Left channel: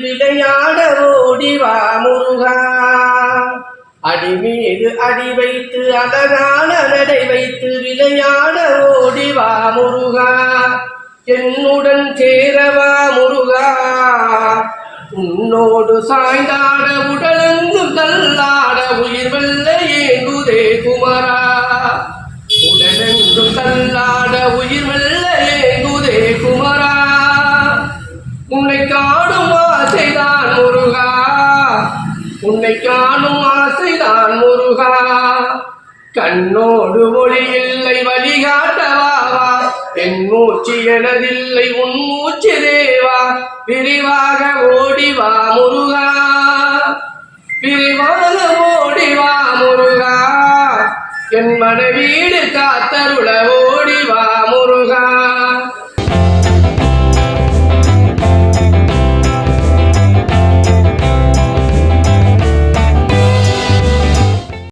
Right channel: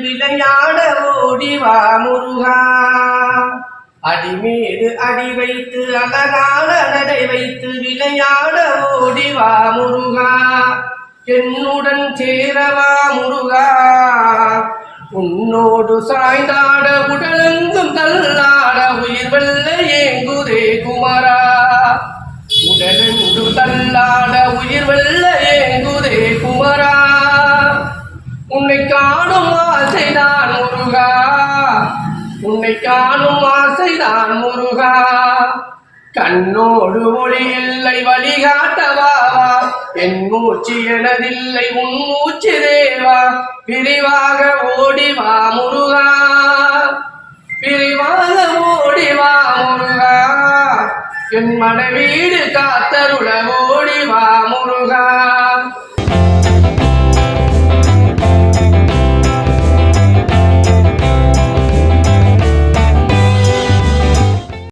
விளையாட ஓடிவா முருகா. அடி மீது அடி வைத்து அழகான நடை வைத்து விளையாட ஓடிவா முருகா. என்னுடன் சேரவா முருகா. உன்னோடு சாய்ந்தாட உடலெங்கும் தள்ளாட உயிர் வெல்ல ஏங்குதே குமரா. உடலெங்கும் தள்ளாட உயிர் வெல்ல உன்னை காணும் ஆசைதான் முருகா. உன்னை காணும் ஆசைதான் முருகா. கண்ணோடு ஒளி இல்லை வழிகாட்டவாவா என் மூச்சு எனதில்லை உன் மூச்சு தேவா. விரிவாக ஓடிவா முருகா. விரிவாக ஓடிவா முருகா. என் மனைவீடு காத்தருள ஓடிவா முருகா.